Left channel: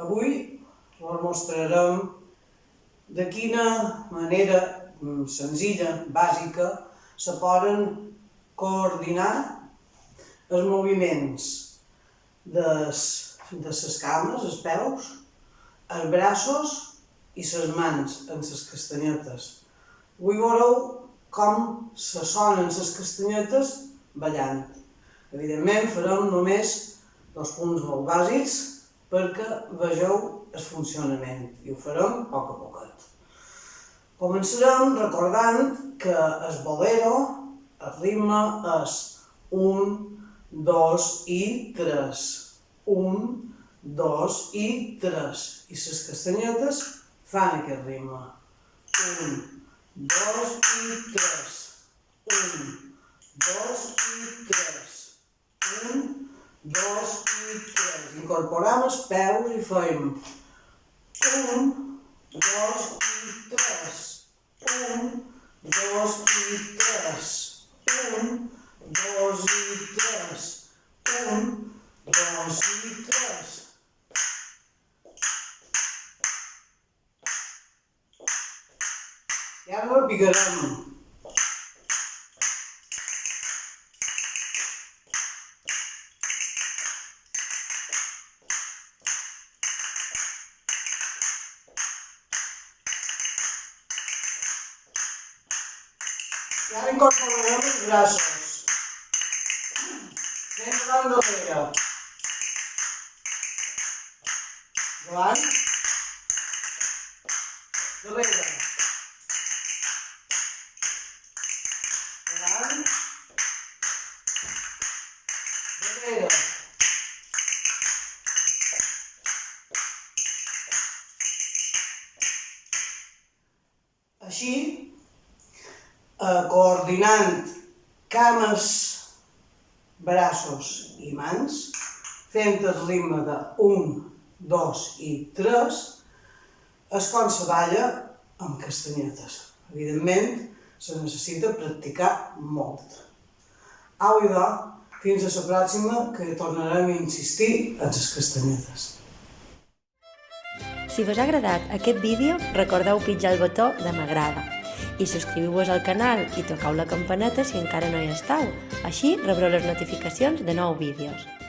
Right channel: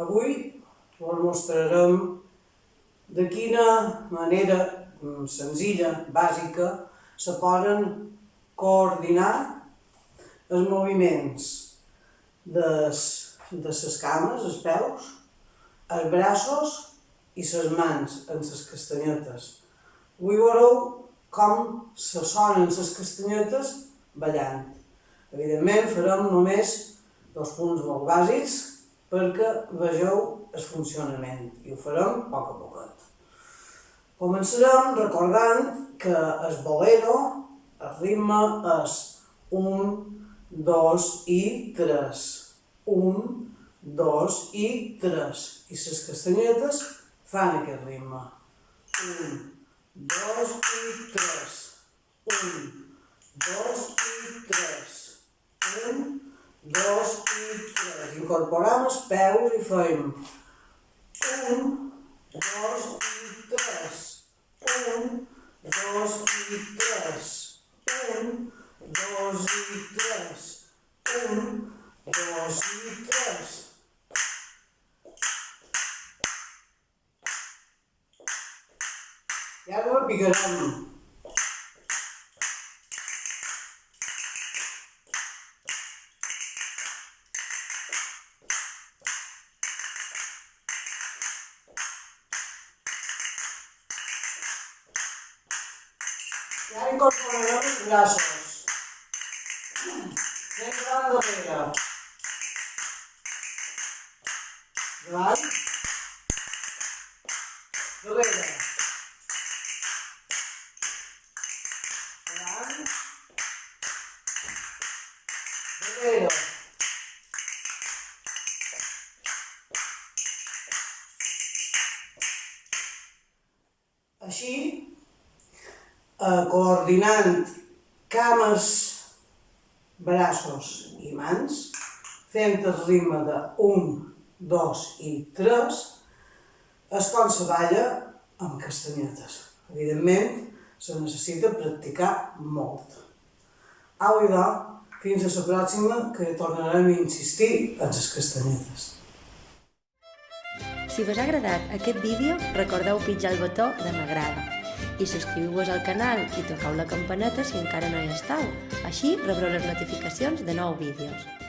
Avui us mostrarem de quina manera senzilla, bàsica, se poden coordinar els moviments de les cames, els peus, els braços i les mans en les castanyetes. Avui veureu com se sonen les castanyetes ballant. Evidentment farem només dos punts molt bàsics perquè vegeu el funcionament i ho farem a poc a poquet. Començarem recordant que el bolero, el ritme és 1, 2 i 3. 1, 2 i 3. I les castanyetes fan aquest ritme. 1, 2 i 3. 1, 2 i 3. 1, 2 i 3. Incorporem els peus i fem 1, 2 i 3. 1, 2 i 3. 1, 2 i 3. 1, 2 i 3. I ara repicarem. I ara incorporarem els braços. Anem davant darrere. Davant. Darrere. Davant. Darrere. Així, coordinant cames, braços i mans, fent el ritme de 1, 2 i 3, és com se balla amb castanyetes. Evidentment, se necessita practicar molt. Au, idò, fins a la pròxima, que tornarem a insistir en les castanyetes. Si vos ha agradat aquest vídeo, recordeu pitjar el botó de m'agrada i subscriviu-vos al canal i tocau la campaneta si encara no hi esteu. Així rebreu les notificacions de nous vídeos.